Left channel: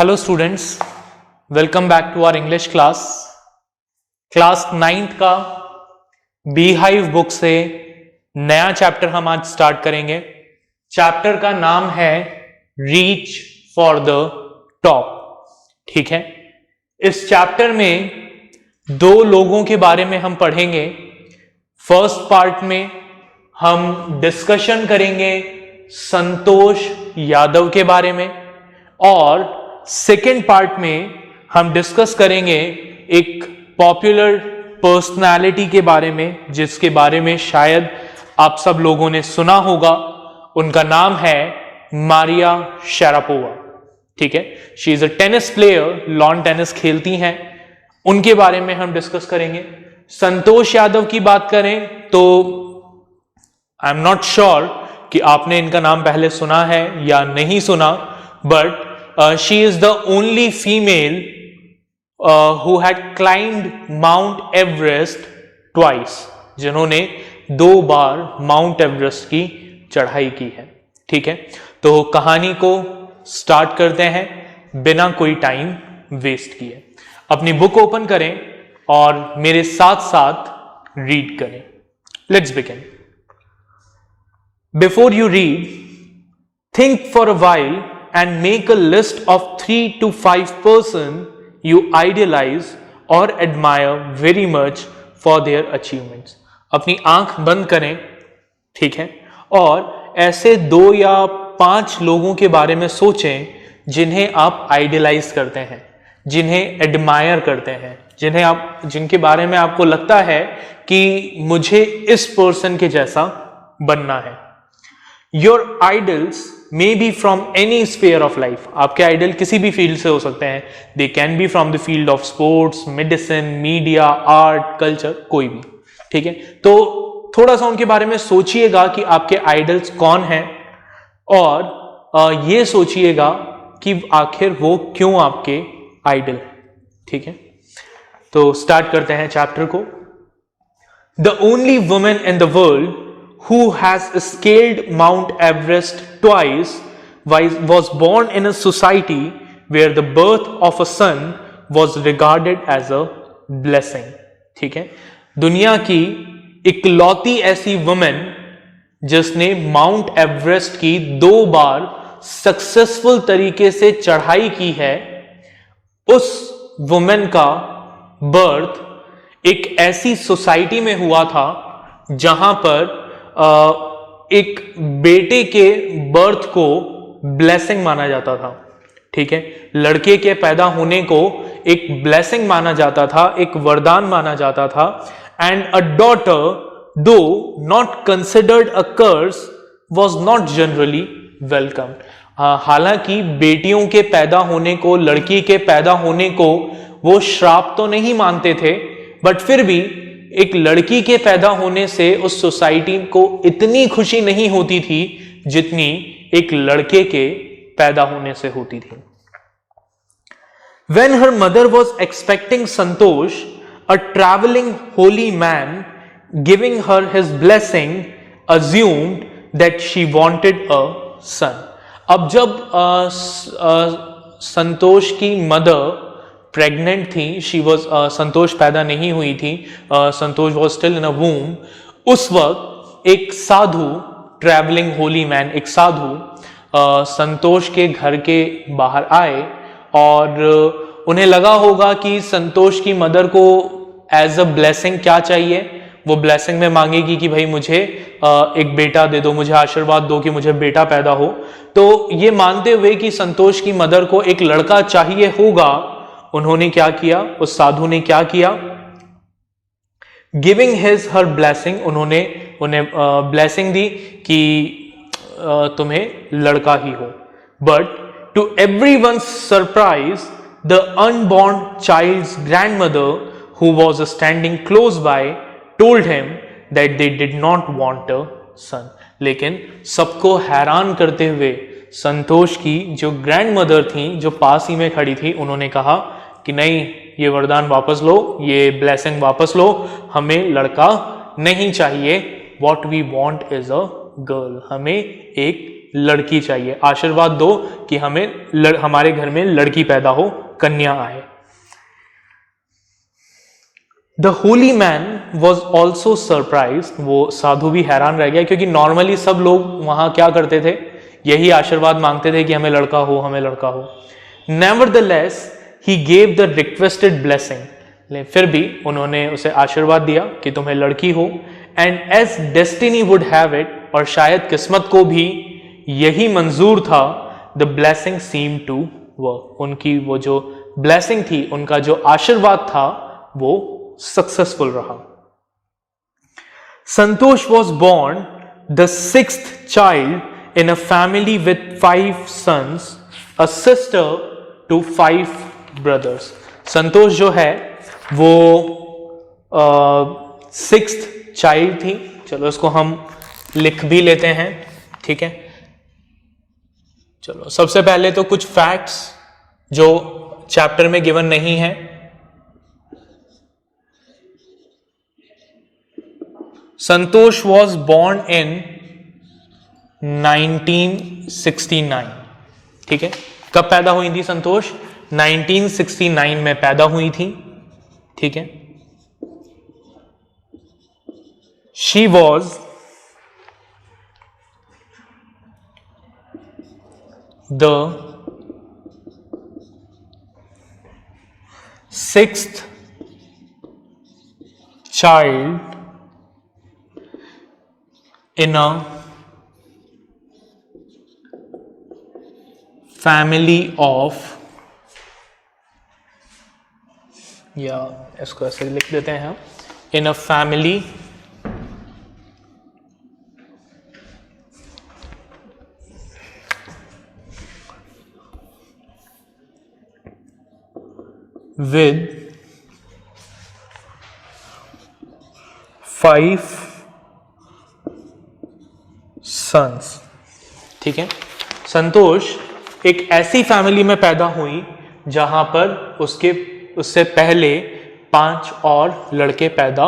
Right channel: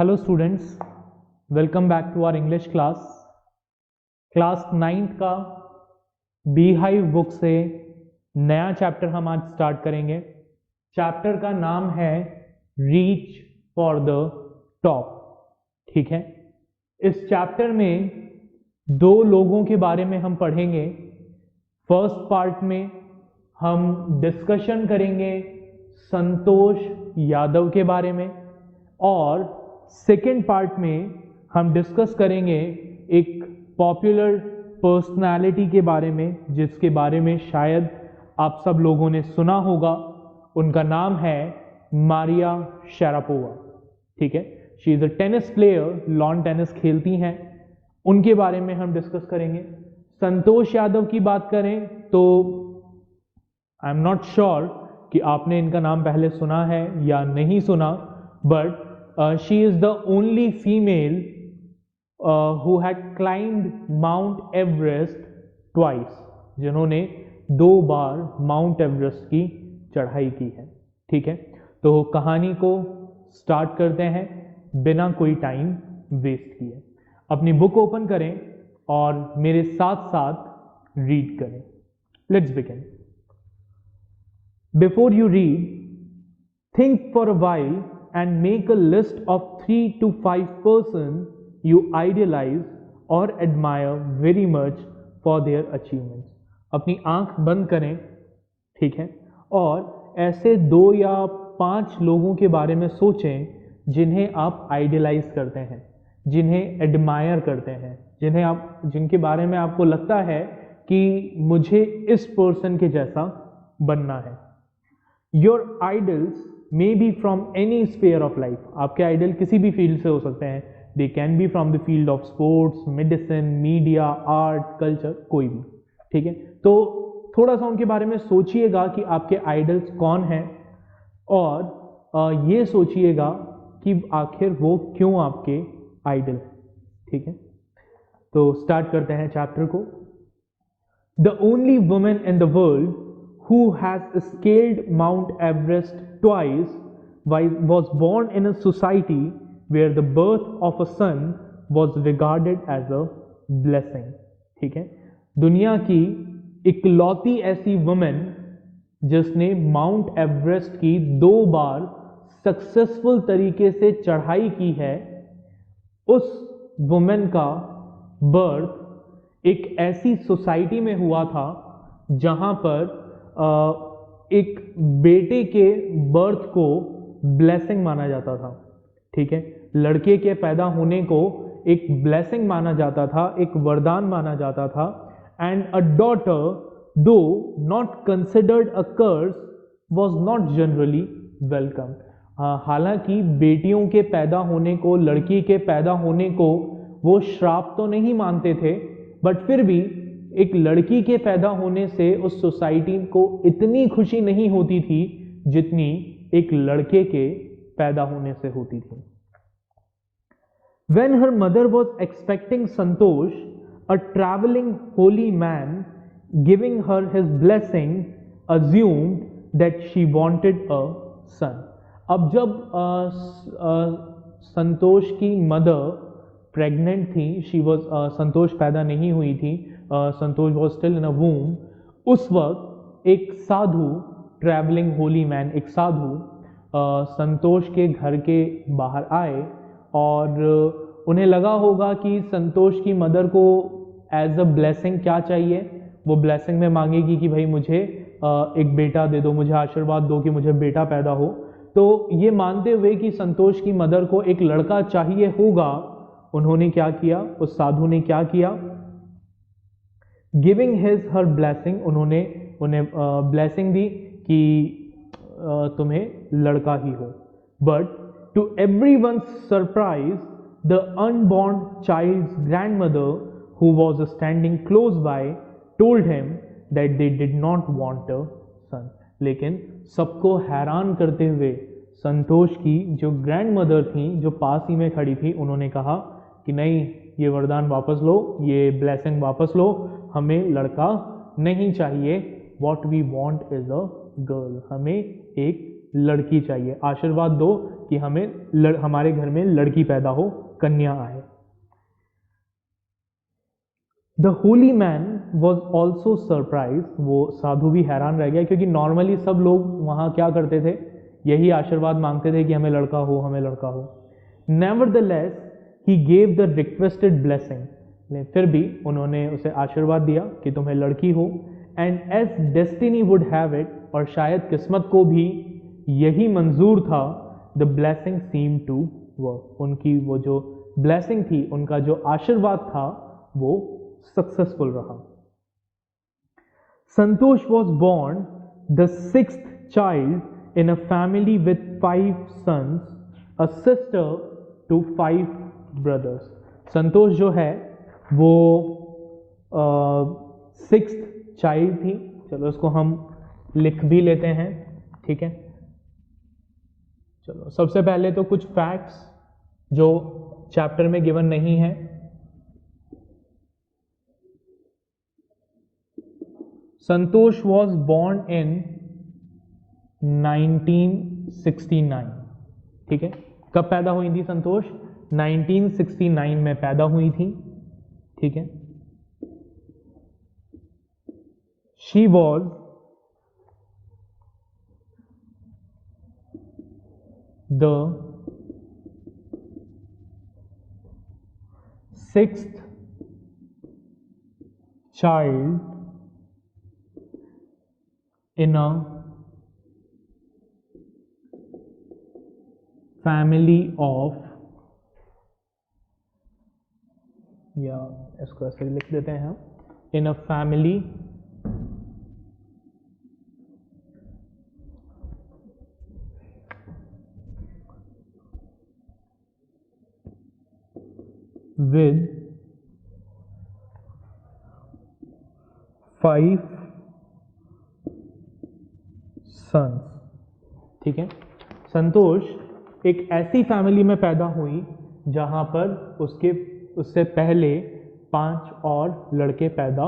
Hello students, welcome back to our English class 9th का beehive book से नया chapter हम आज स्टार्ट करेंगे। चैप्टर का नाम है रीच फॉर द टॉप। ठीक है, इस चैप्टर में दो लोगों के बारे में हम पढ़ेंगे। फर्स्ट पार्ट में हम डिस्कशन करेंगे संतोष यादव के बारे में और सेकेंड पार्ट में हम डिस्कस करेंगे एक पॉपुलर पर्सनालिटी के बारे में जिसके बारे में शायद आप सब लोगों ने सुना होगा। उनका नाम है मारिया शारापोवा। ठीक है, she is a tennis player, lawn tennis खेलती हैं। उनके बारे में हम डिस्कस करेंगे। संतोष यादव की बात करें तो आई एम नॉट श्योर कि आपने इनका नाम पहले सुना है या नहीं सुना, but she is the only female who had climbed Mount Everest twice, जिन्होंने 2 बार माउंट एवरेस्ट की चढ़ाई की है। ठीक है, तो कहानी को स्टार्ट करते हैं बिना कोई टाइम वेस्ट किए। अपनी बुक ओपन करें और मेरे साथ साथ रीड करें। Let's begin. Before you read, think for a while and make a list of 3 to 5 persons you idealize or admire very much for their achievements. अपनी आंख बंद करें, ठीक है, और ऐसे 2 या 5 लोगों के बारे में सोचें जिन्हें आप आइडियलाइज करते हैं, जिन्हें एडमायर करते हैं, जिनके बारे में आपको लगता है कि मुझे इस पर्सन के जैसा बनना है। Your idols may be from any sphere of life. आपके आइडल किसी भी फील्ड से हो सकते हैं। They can be from the field of sports, medicine, media, art, culture, कोई भी। ठीक है, तो थोड़ा सा उनके बारे में सोचिएगा कि आपके आइडल्स कौन हैं और ये सोचिएगा कि आखिर वो क्यों आपके आइडल हैं। ठीक है, तो स्टार्ट करते हैं चैप्टर को। The only woman in the world who has scaled Mount Everest twice was born in a society where the birth of a son was regarded as a blessing. ठीक है, दुनिया की इकलौती ऐसी वुमेन जिसने माउंट एवरेस्ट की 2 बार successful तरीके से चढ़ाई की है, उस वुमेन का बर्थ एक ऐसी सोसाइटी में हुआ था जहां पर एक बेटे के बर्थ को ब्लेसिंग माना जाता था। ठीक है, लड़के के पैदा होने को एक ब्लेसिंग माना जाता था, एक वरदान माना जाता था। And a daughter, though not considered a curse, was not generally welcome. हालांकि बेटियों के पैदा होने को, लड़की के पैदा होने को वो श्राप तो नहीं मानते थे, बट फिर भी एक लड़की के पैदा होने से उस सोसाइटी को इतनी खुशी नहीं होती थी जितनी एक लड़के के पैदा होने से होती थी। When her mother was expecting Santosh, a traveling holy man giving her his blessing assumed that she wanted a son. अब जब संतोष की मदर प्रेग्नेंट थी, शी वॉज संतोष पैदा नहीं हुई थी, संतोष वॉज स्टिल इन अ वूम। उस वक्त एक साधु, ट्रैवलिंग होली मैन, एक साधु संतोष के घर के बाहर आए और उन्हें लगा होगा कि संतोष की मदर को एज अ ब्लेसिंग क्या चाहिए। वो ब्लेसिंग में मांगेगी कि भाई मुझे एक बेटा दे दो, मुझे आशीर्वाद दो कि मुझे बेटा पैदा हो। तो ये मानते हुए कि संतोष की मदर को एक लड़का चाहिए होगा, उन्होंने क्या किया, उस साधु ने क्या किया, गिविंग हिज हर ब्लेसिंग, उन्होंने उन्हें ब्लेसिंग दी कि तुम्हें लड़का ही हो। But to everyone's surprise, the unborn child's grandmother who was standing close by told him that they did not want a son. लेकिन सबको हैरान करते हुए संतोष की जो ग्रैंड मदर थी, जो पास ही में खड़ी थी, उन्होंने कहा कि नहीं, ये वरदान वापस लो, ये ब्लेसिंग वापस लो, हमें लड़का नहीं चाहिए। What we want is a girl, हमें एक लड़की चाहिए, आशीर्वाद दो कि हमें हमारे घर में लड़की पैदा हो, कन्या आए। The Holi man was also surprise, वो साधु भी हैरान रह गया, क्योंकि नॉर्मली सब लोग वहां क्या करते थे, यही आशीर्वाद मांगते थे कि हमें लड़का हो, हमें लड़का हो। Nevertheless he gave the requested blessing, फिर भी उन्होंने उसे आशीर्वाद दिया कि तुम्हें लड़की हो। And as destiny would have it, और शायद किस्मत को भी यही मंजूर था, the blessing seem to work, उनकी वो जो ब्लेसिंग थी, उनका जो आशीर्वाद था, वो सक्सेसफुल रहा। संतोष was born the sixth child in a family with 5 sons, a sister to 5 brothers. संतोष जो है वो 6th चाइल्ड थी। चलो इसको हम लिख भी लेते हैं, ठीक है। चलो सबसे पहले तो कुछ फैक्ट्स जो चैप्टर में गिवन नहीं है। संतोष वॉज born in 1969, ठीक है। कब पैदा हुई थी संतोष? 1969 में पैदा हुई थी, ठीक है। She was the 6th child in a family of, या इसको ऐसे लिख देते हैं हम, इन अ फैमिली विद 5 सन्स, ठीक है। संतोष एक ऐसी फैमिली में पैदा हुई जहां पर उससे पहले 5 और लड़के पैदा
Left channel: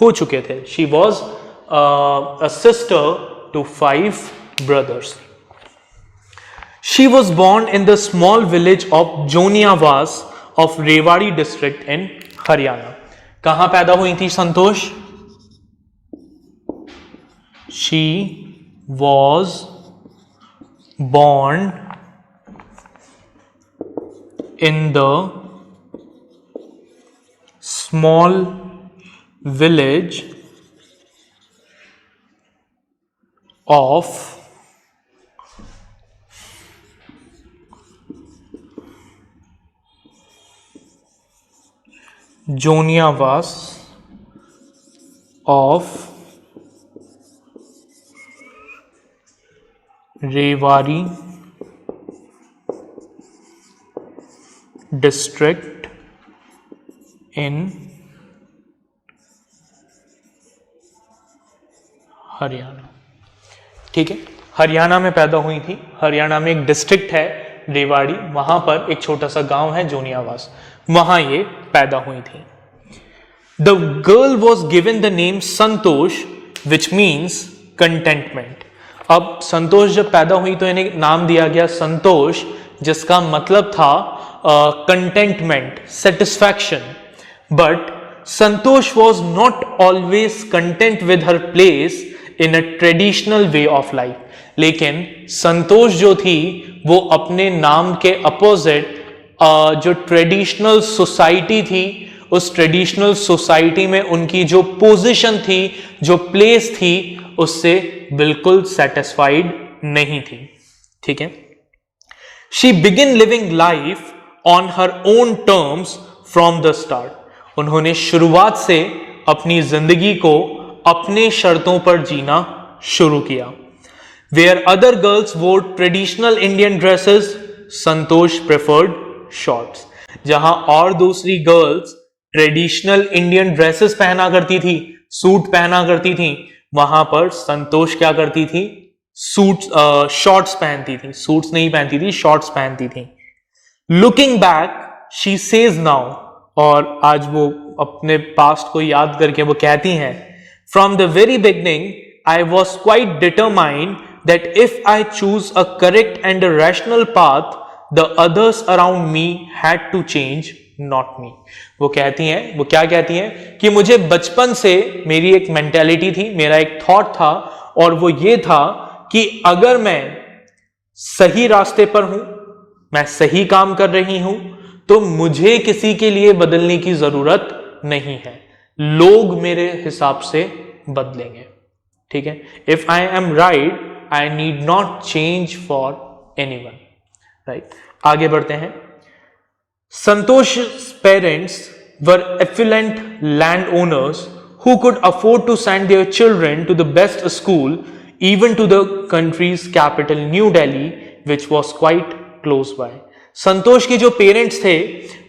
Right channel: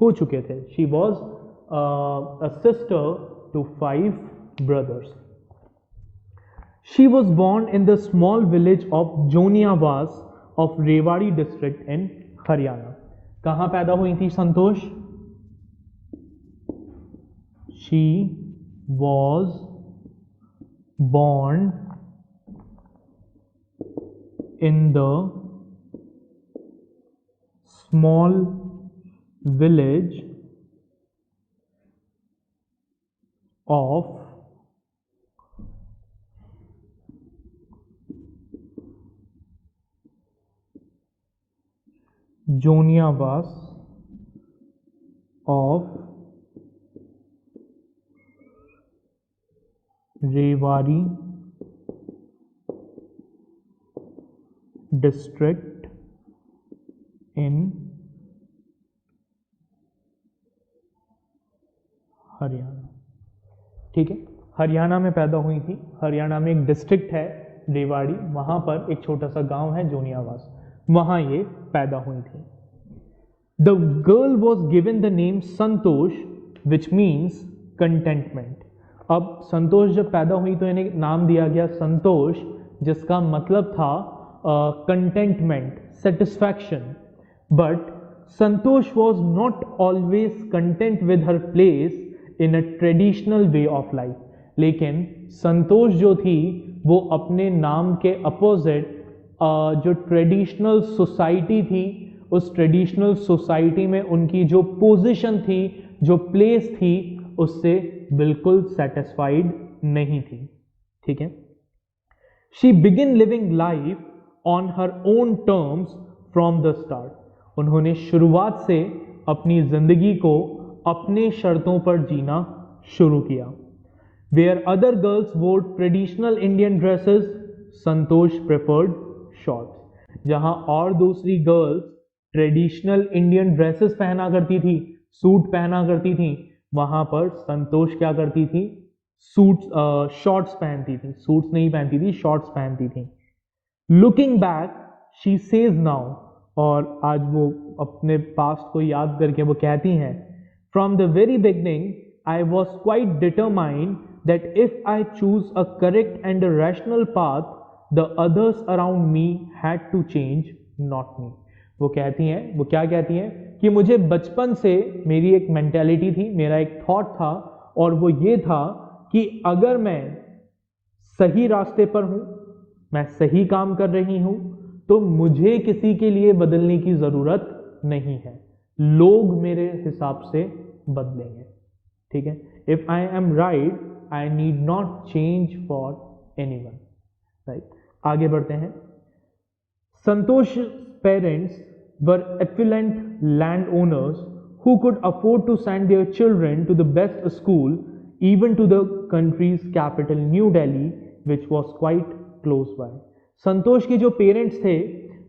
हो चुके थे। She was a sister to 5 brothers. शी वॉज born in the small village of Joniawas of Rewari district in Haryana. कहां पैदा हुई थी Santosh? She was born in the small village of Joniawas of Rewari district in Haryana, ठीक है। हरियाणा में पैदा हुई थी। हरियाणा में एक डिस्ट्रिक्ट है रेवाड़ी, वहां पर एक छोटा सा गांव है जोनियावास, वहां ये पैदा हुई थी। The girl was given the name Santosh which means contentment. अब संतोष जब पैदा हुई तो इन्हें नाम दिया गया संतोष, जिसका मतलब था contentment, satisfaction. But Santosh was not always content with her place in a traditional way of life. लेकिन संतोष जो थी वो अपने नाम के अपोजिट जो ट्रेडिशनल सोसाइटी थी, उस ट्रेडिशनल सोसाइटी में उनकी जो पोजीशन थी, जो प्लेस थी, उससे बिल्कुल सेटिस्फाइड नहीं थी, ठीक है। She begin living life on her own terms from the start. उन्होंने शुरुआत से अपनी जिंदगी को अपने शर्तों पर जीना शुरू किया। वेयर अदर गर्ल्स वोर ट्रेडिशनल इंडियन ड्रेसेस, संतोष प्रेफर्ड शॉर्ट्स। जहां और दूसरी गर्ल्स ट्रेडिशनल इंडियन ड्रेसेस पहना करती थी, सूट पहना करती थी, वहां पर संतोष क्या करती थी? शॉर्ट्स पहनती थी। सूट्स नहीं पहनती थी, शॉर्ट्स पहनती थी। Looking back she says now, और आज वो अपने पास्ट को याद करके वो कहती हैं, from the very beginning I was quite determined that if I choose a correct and a rational path, the others around me had to change, not me. वो क्या कहती हैं कि मुझे बचपन से मेरी एक मेंटेलिटी थी, मेरा एक थॉट था, और वो ये था कि अगर मैं सही रास्ते पर हूं, मैं सही काम कर रही हूं, तो मुझे किसी के लिए बदलने की जरूरत नहीं है, लोग मेरे हिसाब से बदलेंगे. ठीक है, if I am right I need not change for anyone. Right, आगे बढ़ते हैं. Santosh parents were affluent land owners who could afford to send their children to the best school, even to the country's capital New Delhi, which was quite close by. संतोष के जो parents थे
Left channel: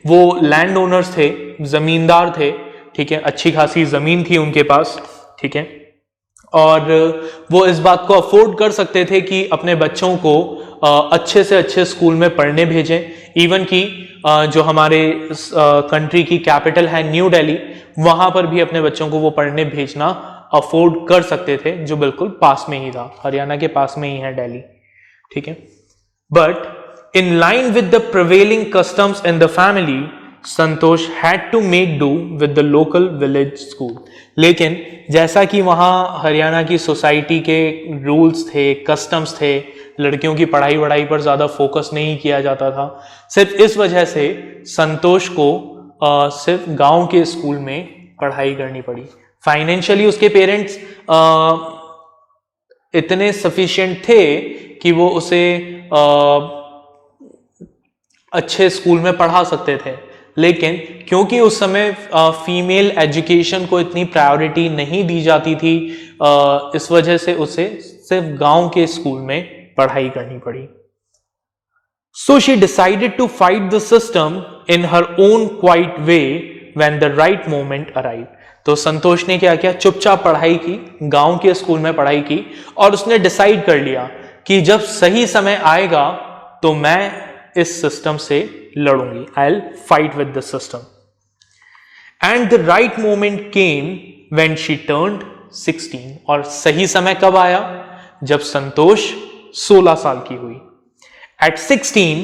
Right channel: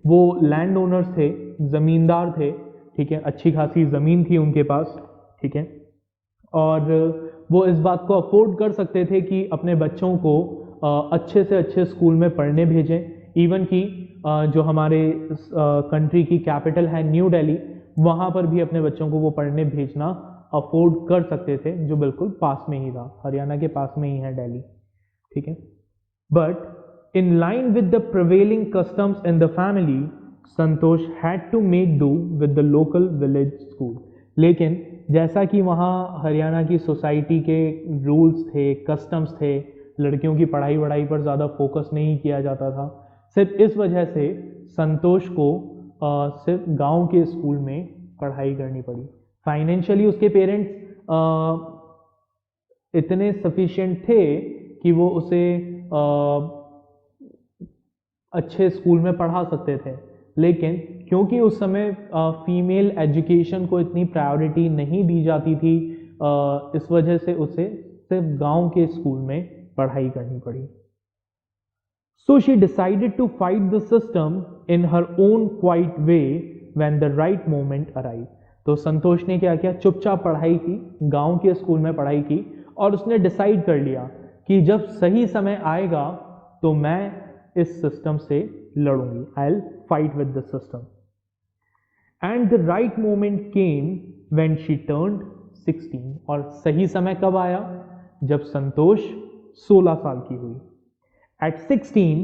वो land owners थे, जमींदार थे. ठीक है, अच्छी खासी जमीन थी उनके पास. ठीक है, और वो इस बात को अफोर्ड कर सकते थे कि अपने बच्चों को अच्छे से अच्छे स्कूल में पढ़ने भेजें. इवन कि जो हमारे कंट्री की कैपिटल है न्यू दिल्ली, वहां पर भी अपने बच्चों को वो पढ़ने भेजना अफोर्ड कर सकते थे, जो बिल्कुल पास में ही था, हरियाणा के पास में ही है दिल्ली. ठीक है, but in line with the prevailing customs in the family, Santosh had to make do with the local village school. लेकिन जैसा कि वहाँ हरियाणा की सोसाइटी के रूल्स थे, कस्टम्स थे, लड़कियों की पढ़ाई वढ़ाई पर ज़्यादा फोकस नहीं किया जाता था, सिर्फ इस वजह से संतोष को सिर्फ गांव के स्कूल में पढ़ाई करनी पड़ी. फाइनेंशियली उसके पेरेंट्स इतने सफिशिएंट थे कि वो उसे अच्छे स्कूल में पढ़ा सकते थे, लेकिन क्योंकि उस समय फीमेल एजुकेशन को इतनी प्रायोरिटी नहीं दी जाती थी, इस वजह से उसे सिर्फ गांव के स्कूल में पढ़ाई करनी पड़ी. So she decided to fight the system in her own quiet way when the right moment arrived. तो संतोष ने क्या किया, चुपचाप पढ़ाई की, गांव के स्कूल में पढ़ाई की, और उसने डिसाइड कर लिया कि जब सही समय आएगा तो मैं इस सिस्टम से लड़ूंगी. I'll fight with the system. And the right moment came when she turned 16. और सही समय कब आया, जब संतोष 16 साल की हुई. At 16,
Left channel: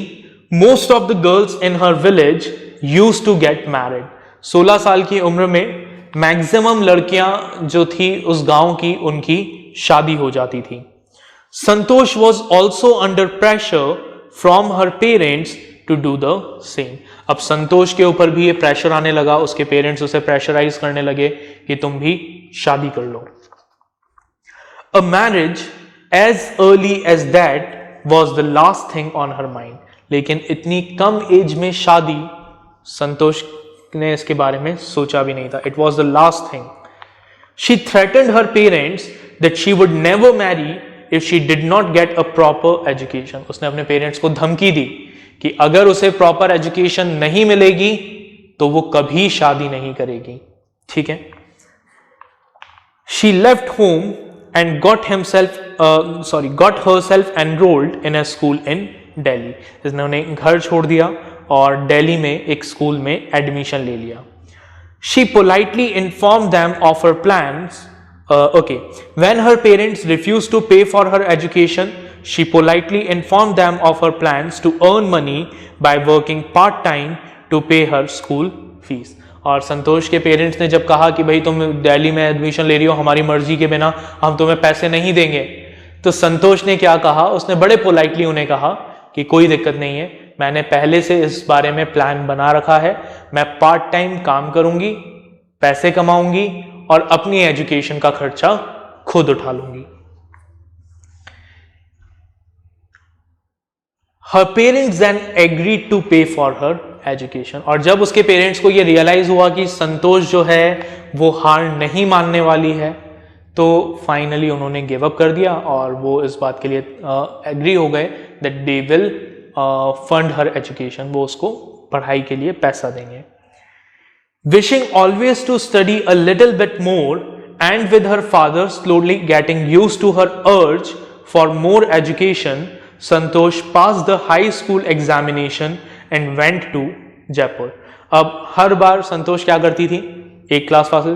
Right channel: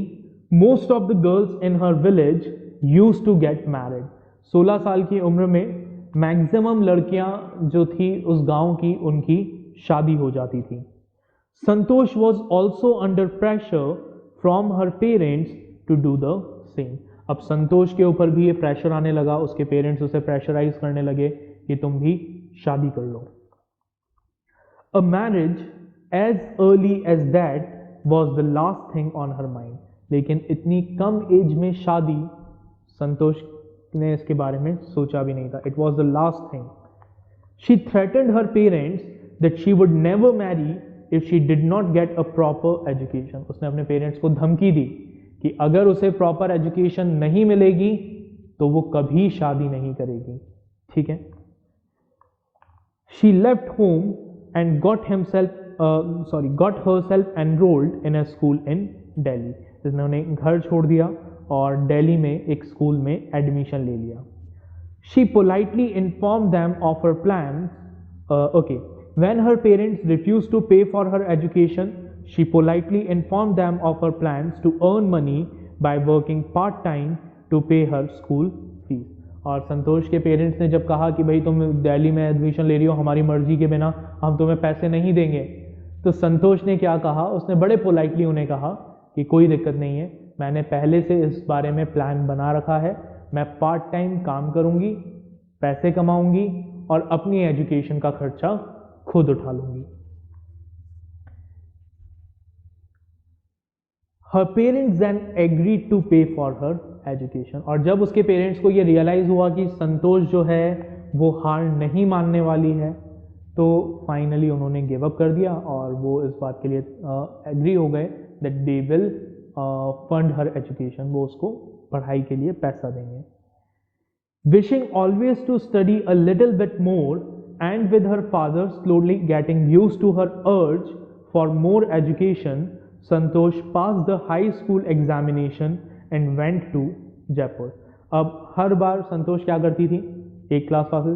most of the girls in her village used to get married. 16 साल की उम्र में मैक्सिमम लड़कियां जो थी उस गांव की, उनकी शादी हो जाती थी. संतोष was also under pressure from her parents to do the same. अब संतोष के ऊपर भी ये प्रेशर आने लगा, उसके पेरेंट्स उसे प्रेशराइज करने लगे कि तुम भी शादी कर लो. A marriage as early as that was the last thing on her mind. लेकिन इतनी कम एज में शादी संतोष ने इसके बारे में सोचा भी नहीं था. It was the last thing. She threatened her parents that she would never marry if she did not get a proper education. उसने अपने पेरेंट्स को धमकी दी कि अगर उसे प्रॉपर एजुकेशन नहीं मिलेगी तो वो कभी शादी नहीं करेगी. ठीक है. She left home and got herself enrolled in a school in Delhi. इसने घर छोड़ दिया और दिल्ली में एक स्कूल में एडमिशन ले लिया. She politely informed them of her plans. When her parents refused to pay for her education, she politely informed them of her plans to earn money by working part-time to pay her school fees. और संतोष के parents ने जब कहा कि भाई तुम दिल्ली में admission ले रही हो हमारी मर्जी के बिना, हम तुम्हें पैसे नहीं देंगे, तो संतोष ने क्या कहा, उसने बड़े पोलाइटली उन्हें कहा कि कोई दिक्कत नहीं है, मैंने पहले से इस बारे में प्लान बना रखा है, मैं पार्ट टाइम काम करूंगी, पैसे कमाऊंगी और अपनी एजुकेशन का खर्चा खुद उठा लूंगी. Her parents then agreed to pay for her education. और जब उसके पेरेंट्स को ये रियलाइज हुआ कि संतोष जो है वो हार नहीं मानने वाली है, तो फाइनली उन्होंने गिव अप कर दिया और वो इस बात के लिए एग्री हो गए that they will fund her education, वो उसको पढ़ाई के लिए पैसा देंगे. Wishing always to study a little bit more and with her father slowly getting used to her urge for more education, Santosh passed the high school examination and went to Jaipur. अब हर बार संतोष क्या करती थी, एक class pass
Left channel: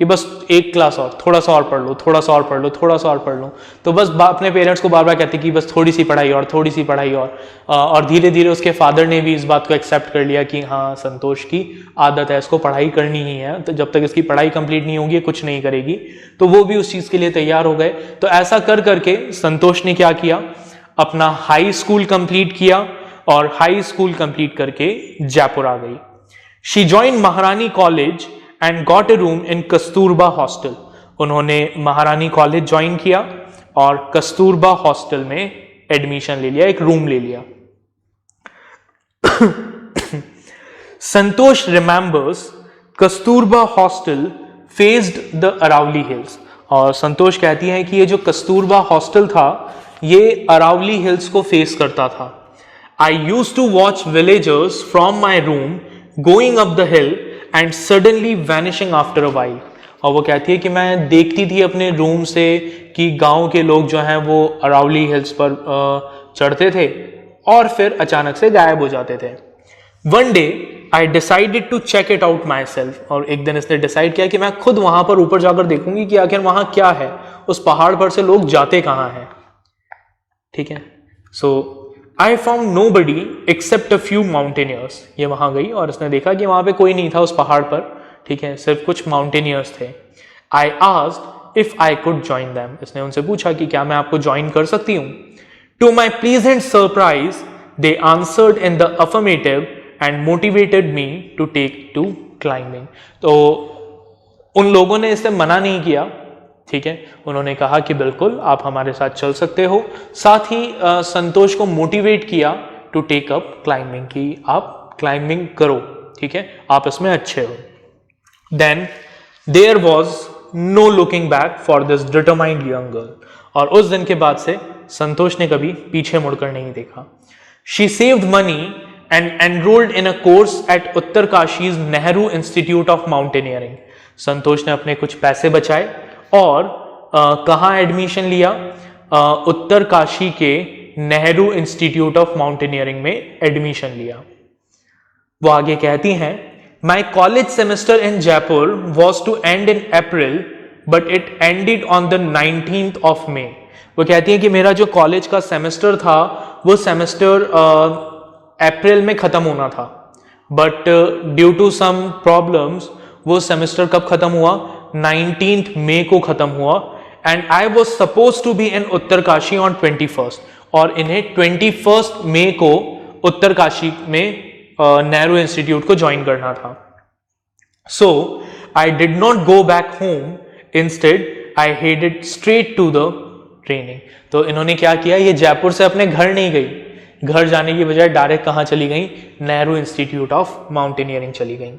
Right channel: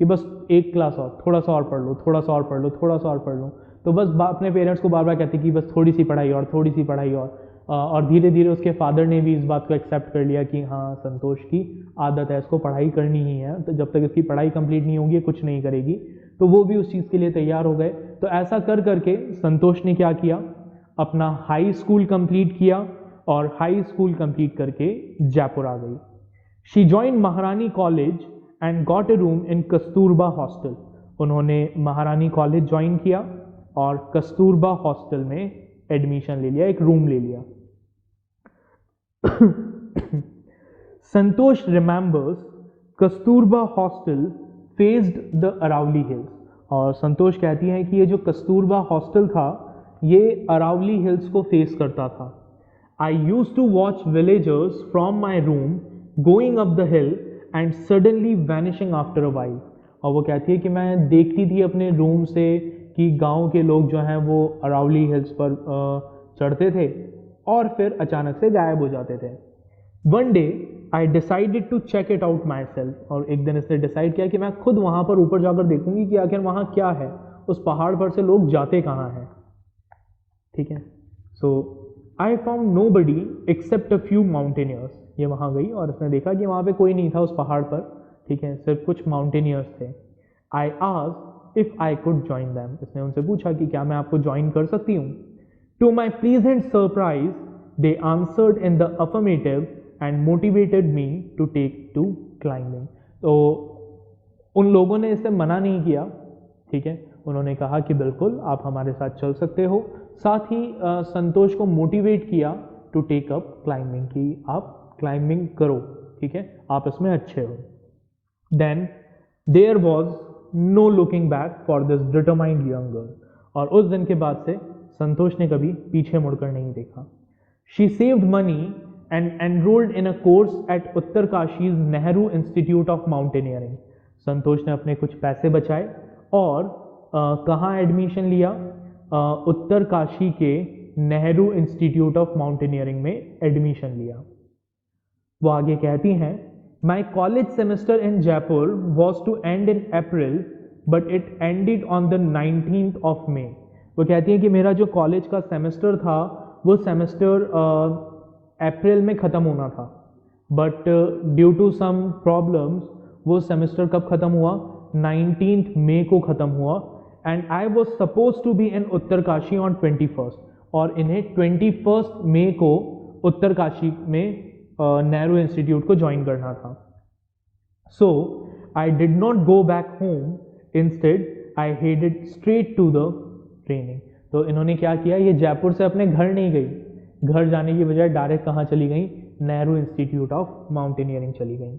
कि बस एक class और, थोड़ा सा और पढ़ लो, थोड़ा सा और पढ़ लो, थोड़ा सा और पढ़ लो। तो बस अपने पेरेंट्स को बार बार कहती कि बस थोड़ी सी पढ़ाई और, थोड़ी सी पढ़ाई और धीरे धीरे उसके फादर ने भी इस बात को एक्सेप्ट कर लिया कि हाँ संतोष की आदत है, इसको पढ़ाई करनी ही है, तो जब तक इसकी पढ़ाई कंप्लीट नहीं होगी कुछ नहीं करेगी। तो वो भी उस चीज़ के लिए तैयार हो गए। तो ऐसा कर करके संतोष ने क्या किया, अपना हाई स्कूल कंप्लीट किया और हाई स्कूल कंप्लीट करके जयपुर आ गई। शी जॉइन महारानी college and got a room in Kasturba hostel. उन्होंने महारानी कॉलेज ज्वाइन किया और कस्तूरबा हॉस्टल में एडमिशन ले लिया, एक रूम ले लिया। Santosh remembers Kasturba hostel faced the Aravalli hills. और संतोष कहती है कि ये जो कस्तूरबा हॉस्टल था ये अरावली हिल्स को फेस करता था। I use to watch villagers from my room going up the hill and suddenly vanishing after a while. और वो कहती है कि मैं देखती थी अपने रूम से कि गांव के लोग जो हैं वो अरावली हिल्स पर चढ़ते थे और फिर अचानक से गायब हो जाते थे। One day I decided to check it out myself. और एक दिन इसने डिसाइड किया कि मैं खुद वहां पर ऊपर जाकर देखूंगी कि आखिर वहां क्या है, उस पहाड़ पर से लोग जाते कहाँ हैं। ठीक है, so I found nobody except a few mountaineers. ये वहां गई और इसने देखा कि वहां पे कोई नहीं था उस पहाड़ पर, ठीक है, सिर्फ कुछ माउंटेनियर्स थे। I asked if I could join them. इसने उनसे पूछा कि क्या मैं आपको ज्वाइन कर सकती हूँ। To my pleasant surprise they answered in the affirmative and motivated me to take to climbing. तो उन लोगों ने इससे मना नहीं किया, ठीक है, उन्होंने कहा कि बिल्कुल आप हमारे साथ चल सकते हो। साथ ही संतोष को मोटिवेट किया टू टेक अप क्लाइंबिंग, कि आप क्लाइंबिंग करो, ठीक है, आप इसमें अच्छे हो। Then there was no looking back for this determined young girl. और उस दिन के बाद से संतोष ने कभी पीछे मुड़कर नहीं देखा। She saved money and enrolled in a course at Uttarkashi's Nehru institute of mountaineering. Santosh ने अपने कुछ पैसे बचाए और कहाँ एडमिशन लिया, उत्तरकाशी के नेहरू इंस्टीट्यूट ऑफ माउंटेनियरिंग में एडमिशन लिया। वो आगे कहती हैं, my college semester in Jaipur was to end in April but it ended on the 19th of May। वो कहती है कि मेरा जो कॉलेज का सेमेस्टर था वो सेमेस्टर अप्रैल में खत्म होना था, but due to some problems वो सेमेस्टर कब खत्म हुआ, 19th मई को खत्म हुआ। And I was suppose to be in Uttarkashi on 21st। और इन्हें 21st मई को उत्तरकाशी में नेहरू इंस्टीट्यूट को ज्वाइन करना था। So I did not go back home, instead I headed straight to the training. तो इन्होंने क्या किया, ये जयपुर से अपने घर नहीं गई, घर जाने की बजाय डायरेक्ट कहाँ चली गई, नेहरू इंस्टीट्यूट ऑफ माउंटेनियरिंग चली गई।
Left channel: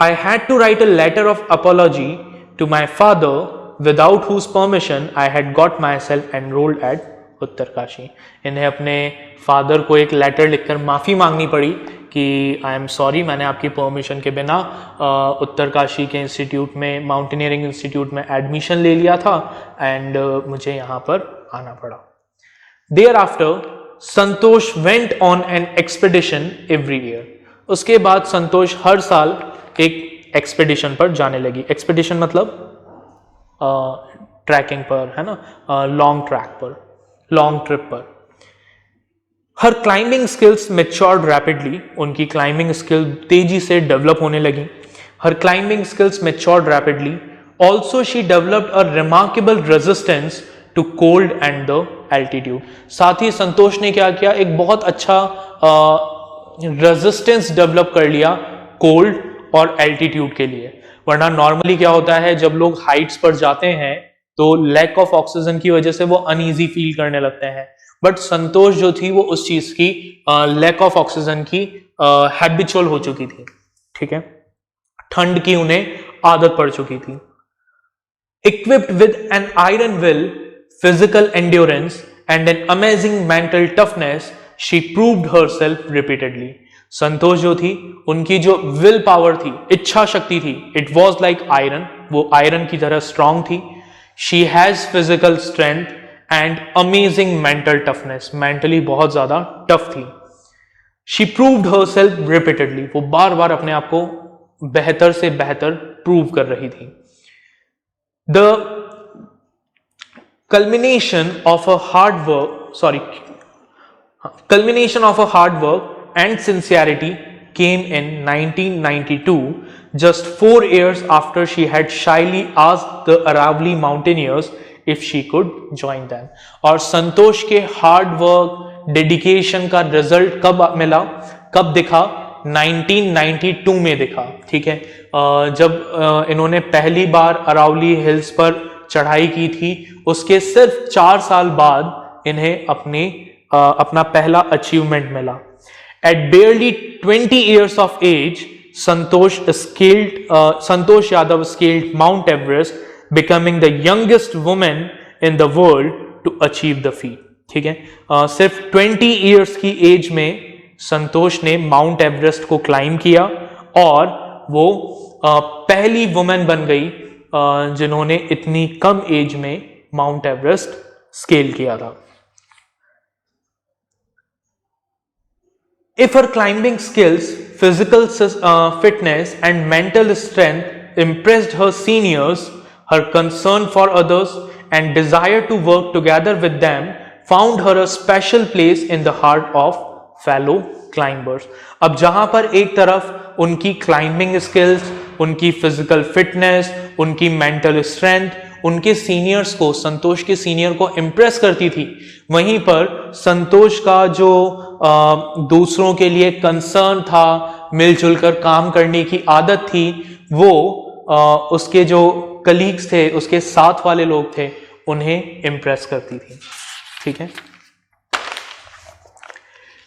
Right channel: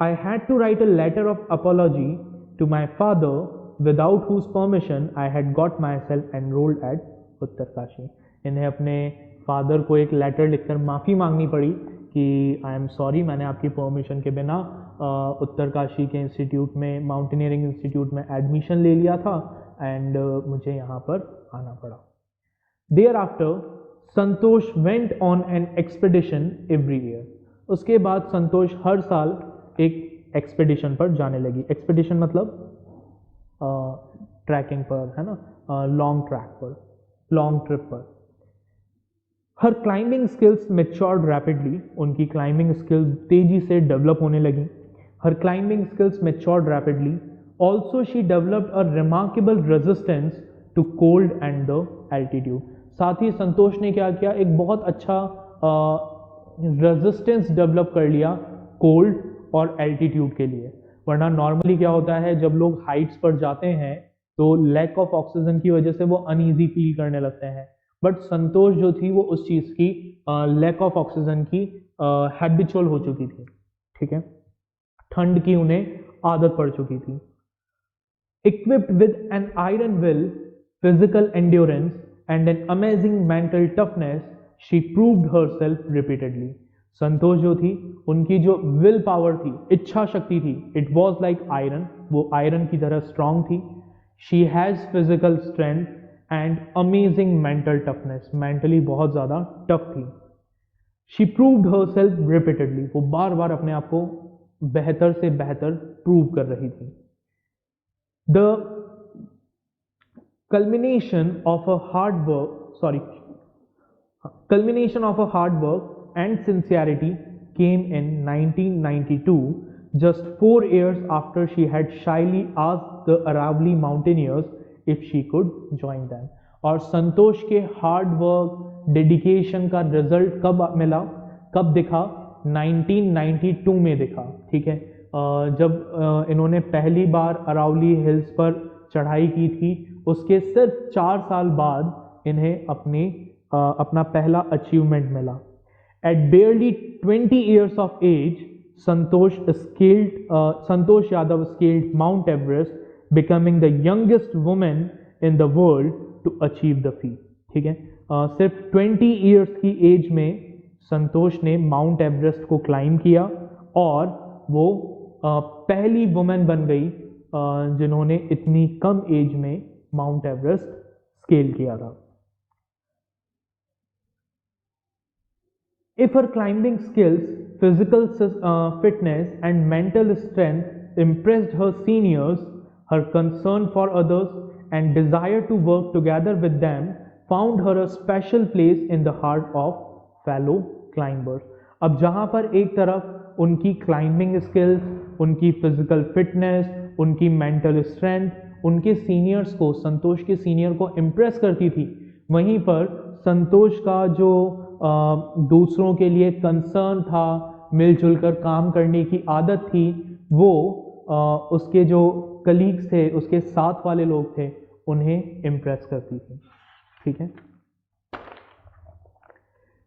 I had to write a letter of apology to my father, without whose permission I had got myself enrolled at Uttarkashi. इन्हें अपने फादर को एक लेटर लिखकर माफ़ी मांगनी पड़ी कि आई एम सॉरी, मैंने आपकी परमिशन के बिना उत्तरकाशी के इंस्टीट्यूट में, माउंटेनियरिंग इंस्टीट्यूट में एडमिशन ले लिया था एंड मुझे यहाँ पर आना पड़ा। Thereafter Santosh went on an expedition every year. उसके बाद संतोष हर साल एक एक्सपेडिशन पर जाने लगी। एक्सपेडिशन मतलब ट्रैकिंग पर, है ना, लॉन्ग ट्रैक पर, लॉन्ग ट्रिप पर। Her climbing skills matured rapidly. उनकी क्लाइंबिंग स्किल तेजी से डेवलप होने लगी। Her climbing skills matured rapidly. Also she developed a remarkable resistance to cold and the altitude. साथ ही संतोष ने क्या किया, एक बहुत अच्छा रेजिस्टेंस डेवलप कर लिया कोल्ड और एल्टीट्यूड के लिए। वरना नॉर्मली क्या होता है, जब लोग हाइट्स पर जाते हैं तो लैक ऑफ ऑक्सीजन की वजह से वो अनईजी फील करने लगते हैं, बट संतोष जो थी वो उस चीज की लैक ऑफ ऑक्सीजन की हैबिचुअल हो चुकी थी, ठीक है, ठंड की उन्हें आदत पड़ चुकी थी। Equipped with an iron will, physical endurance and an amazing mental toughness, she proved herself repeatedly. Santosh जो थी, उनकी जो विल पावर थी, इच्छा शक्ति थी, इट वॉज लाइक आयरन, वो आयरन की तरह स्ट्रांग थी। She has physical strength and amazing mental toughness, mentally बहुत ज्यादा टफ थी। शी प्रूव्ड हरसेल्फ रिपीटेडली, वो बार बार अपने आप को बेहतर से बेहतर प्रूव कर रही थी। The culmination of a hard work and sincerity came in 1992, just 4 years after she had shyly asked the Aravalli mountaineers if she could join them. और संतोष के हार्ड वर्क, डेडिकेशन का रिजल्ट कब मिला, कब दिखा? 1992 में दिखा, ठीक है। जब इन्होंने पहली बार अरावली हिल्स पर चढ़ाई की थी, उसके सिर्फ 4 साल बाद इन्हें अपना पहला अचीवमेंट मिला। At barely 20 years of age, Santosh Yadav scaled Mount Everest, becoming the youngest woman in the world to achieve the feat. ठीक है, सिर्फ 20 years की एज में संतोष ने माउंट एवरेस्ट को क्लाइम किया और वो पहली वुमेन बन गई जिन्होंने इतनी कम एज में माउंट एवरेस्ट स्केल किया था। If her climbing skills, physical fitness and mental strength impressed her seniors, her concern for others and desire to work together with them found her a special place in the heart of fellow climbers. अब जहां पर एक तरफ उनकी climbing skills, उनकी physical fitness, उनकी mental strength उनके seniors को, संतोष के सीनियर को इम्प्रेस करती थी, वहीं पर संतोष का जो दूसरों के लिए कंसर्न था, मिलजुल कर काम करने की आदत थी, वो उसके जो कलीग्स थे, उसके साथ वाले लोग थे, उन्हें इम्प्रेस करती थी। ठीक है।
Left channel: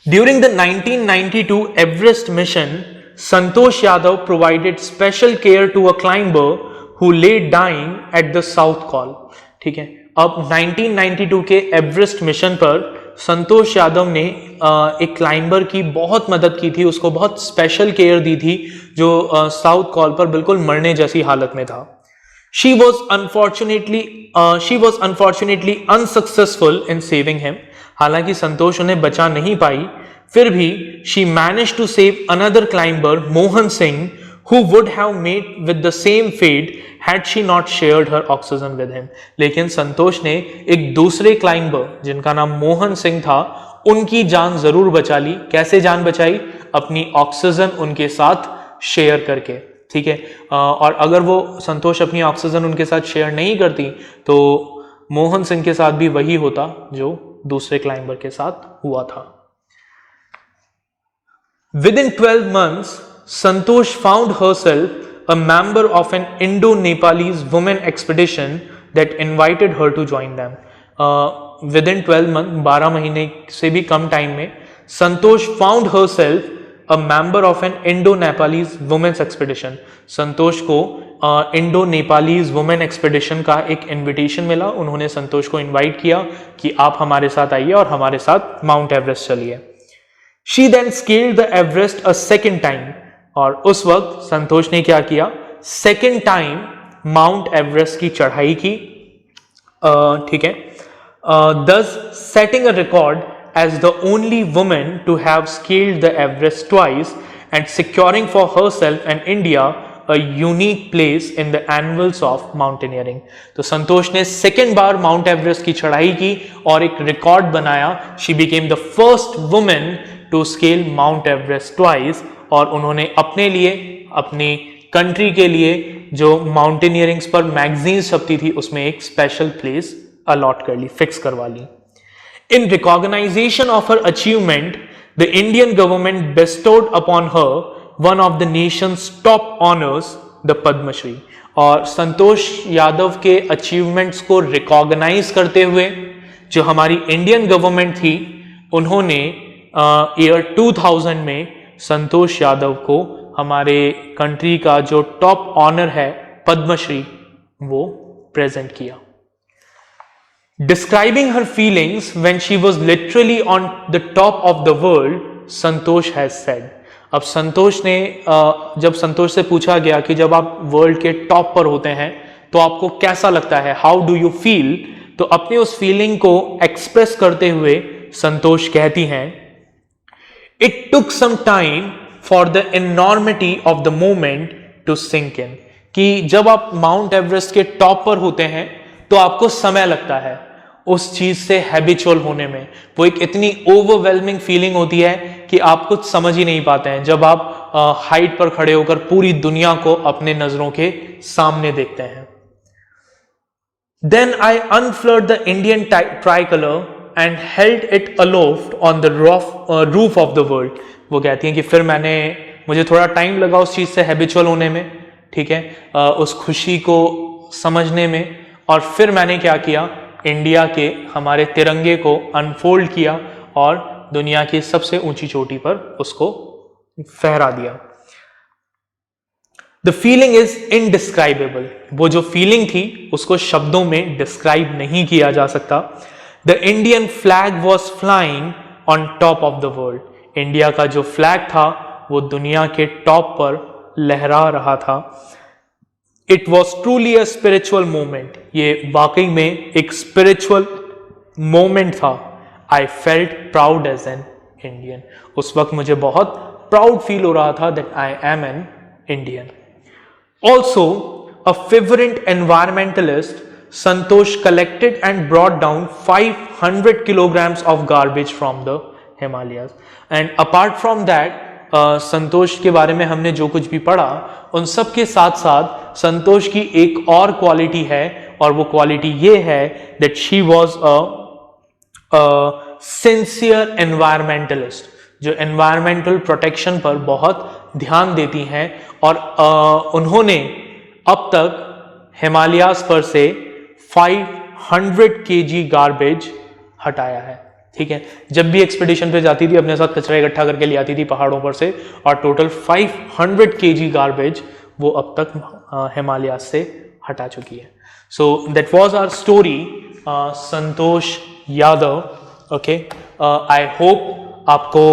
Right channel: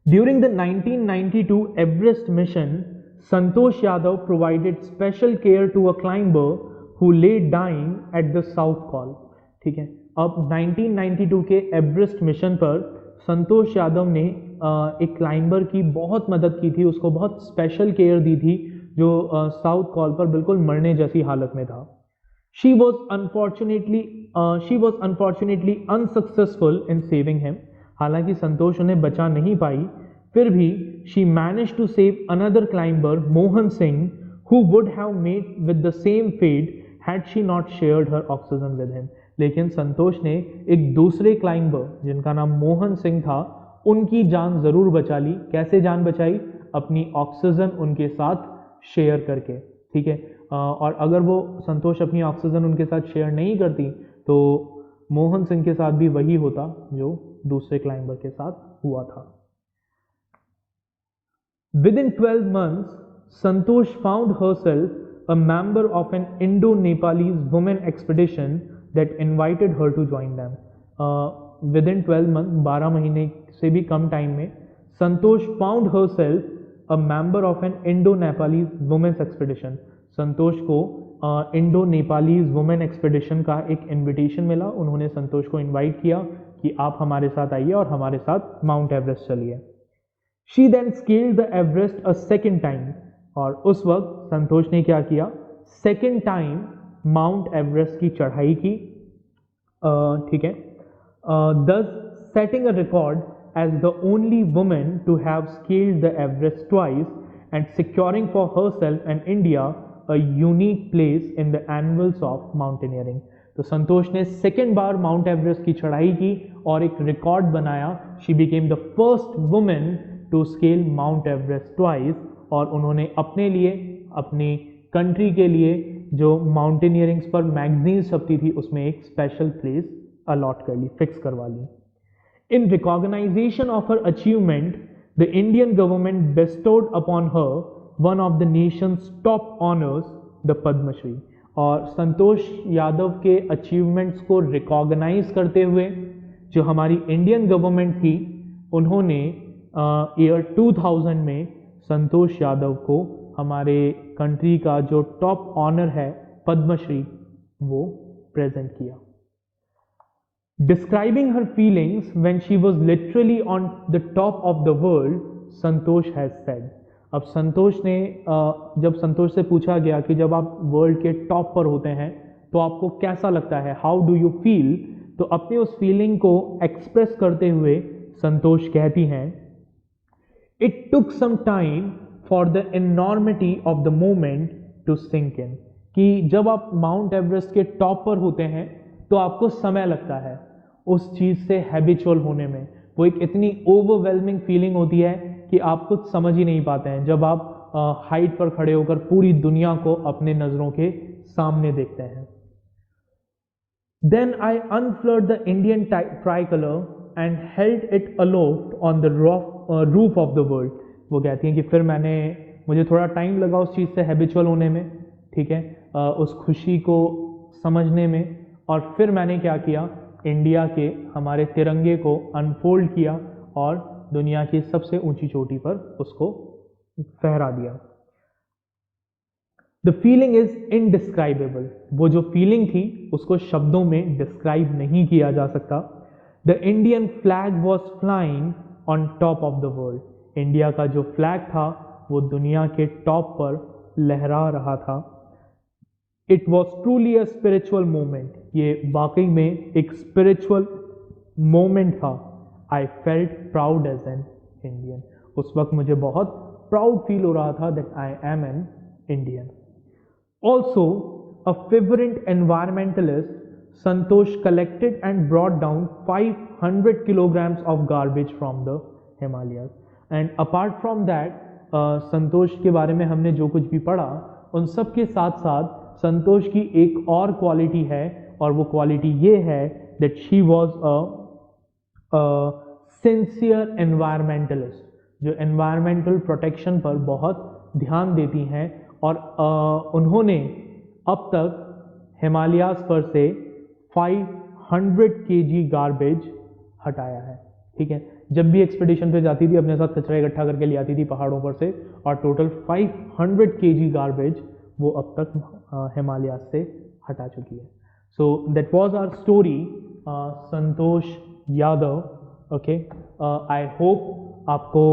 During the 1992 Everest mission, Santosh Yadav provided special care to a climber who lay dying at the South Col. ठीक है। अब 1992 के एवरेस्ट मिशन पर संतोष यादव ने एक क्लाइंबर की बहुत मदद की थी, उसको बहुत स्पेशल केयर दी थी, जो साउथ कॉल पर बिल्कुल मरने जैसी हालत में था। She was unfortunately unsuccessful in saving him. हालांकि संतोष उन्हें बचा नहीं पाई, फिर भी she managed to save another climber, Mohan Singh, who would have met with the same fate had she not shared her oxygen with him. लेकिन संतोष ने एक दूसरे क्लाइंबर जिनका नाम मोहन सिंह था, उनकी जान जरूर बचा ली। कैसे जान बचाई? अपनी ऑक्सीजन उनके साथ शेयर करके। ठीक है। और अगर वो संतोष अपनी ऑक्सीजन उनके साथ शेयर नहीं करती तो मोहन सिंह के साथ भी वही होता जो दूसरे क्लाइंबर के साथ हुआ था। Within 12 months, Santosh found herself a member of an Indo-Nepalese women expedition that invited her to join them. Within 12 months, 12 महीने से भी कम टाइम में, संतोष found herself a member of an Indo-Nepalese women's expedition. संतोष को Indo-Nepalese women expedition का एक invitation मिला। उन्होंने संतोष को इनवाइट किया कि आप हमारे साथ आइए और हमारे साथ माउंट एवरेस्ट चलिए। She then scaled the Everest a second time. और उस वक्त संतोष ने क्या किया? सेकेंड टाइम माउंट एवरेस्ट की चढ़ाई की। ठीक है। thus setting a record as the only woman to have scaled the Everest twice and securing for herself and India a unique place in the annals of mountaineering. तो संतोष ने second बार mount Everest की चढ़ाई की और एक record बनाया। She became the first woman to scale Mount Everest twice और उन्होंने अपने लिए, अपनी कंट्री के लिए जो माउंटेनियरिंग्स पर मैगजीन्स छपती थी उसमें एक स्पेशल प्लेस अलॉट कर ली, फिक्स करवा ली। In recognition of her achievement, the Indian government bestowed upon her one of the nation's top honors, the Padma Shri. और संतोष यादव के अचीवमेंट्स को रिकॉग्नाइज करते हुए जो हमारी इंडियन गवर्नमेंट थी, उन्होंने ईयर 2000 में संतोष यादव को हमारे कंट्री का जो टॉप ऑनर है पद्मश्री, वो प्रेजेंट किया। Describing her feelings when she was literally on the top of the world, Santosh has said. अब संतोष ने जब संतोष से पूछा गया कि जब आप वर्ल्ड के टॉप पर होते हैं तो आपको कैसा लगता है, हाउ डू यू फील, तो अपनी उस फीलिंग को एक्सप्रेस करते हुए संतोष कहती हैं, it took some time for the enormity of the moment to sink in. कि जब आप माउंट एवरेस्ट के टॉप पर होते हैं तो आपको समय लगता है उस चीज से हैबिचुअल होने में। वो एक इतनी ओवरवेलमिंग फीलिंग होती है कि आप कुछ समझ ही नहीं पाते हैं जब आप हाइट पर खड़े होकर पूरी दुनिया को अपने नजरों के सामने देखते हैं। Then I unfurled the Indian tricolor and held it aloft on the roof of the world. वो कहती हैं कि फिर मुझे थोड़ा टाइम लगा उस चीज से हैबिचुअल होने में, ठीक है, उस खुशी को समझने में, और फिर मैंने क्या किया, इंडिया के हमारे तिरंगे को अनफोल्ड किया और दुनिया की सबसे ऊंची चोटी पर उसको फहरा दिया। The feeling is indescribable. वो जो फीलिंग थी उसको शब्दों में डिस्क्राइब नहीं किया जा सकता। The Indian flag was flying on top of the world. India का जो फ्लैग था वो दुनिया के टॉप पर लहरा रहा था। It was truly a spiritual moment. ये वाकई में एक स्पिरिचुअल मोमेंट था। I felt proud as an Indian. उस वक्त मुझे बहुत प्राउड फील हो रहा था that I am an Indian. Also, a fervent environmentalist, Santosh collected and brought down 500 kilograms of garbage from the Himalayas. And apart from that, संतोष के बारे में हमने जो कुछ भी पढ़ा, उन सब के साथ साथ संतोष की एक और क्वालिटी है, और वो क्वालिटी ये है that she was a sincere environmentalist, जो environmental protection पर बहुत ध्यान देती हैं, और उन्होंने अब तक हिमालयास पर से 500 kg गार्बेज हटाया है, ठीक है। जब भी एक्सपीडिशन पे जाती थी अपने साथ कचरा इकट्ठा करके ले आती थी पहाड़ों पर से, और टोटल 500 kg गार्बेज वो अब तक हिमालयास से हटा चुकी है। So that was our story, Santosh Yadav. Okay, I hope आपको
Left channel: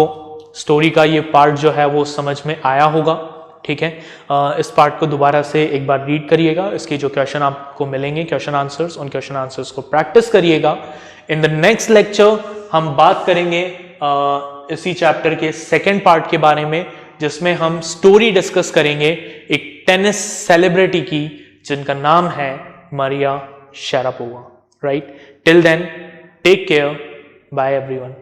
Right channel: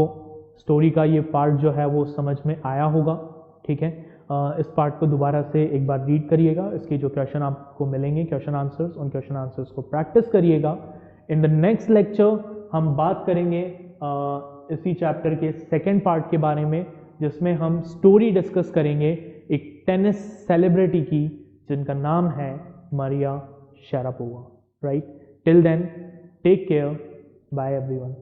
स्टोरी का ये पार्ट जो है वो समझ में आया होगा, ठीक है। इस पार्ट को दोबारा से एक बार रीड करिएगा। इसके जो क्वेश्चन आपको मिलेंगे, क्वेश्चन आंसर्स, उन क्वेश्चन आंसर्स को प्रैक्टिस करिएगा। इन द नेक्स्ट लेक्चर हम बात करेंगे इसी चैप्टर के सेकेंड पार्ट के बारे में, जिसमें हम स्टोरी डिस्कस करेंगे एक टेनिस सेलिब्रिटी की जिनका नाम है Maria Sharapova. Right, till then take care, bye everyone.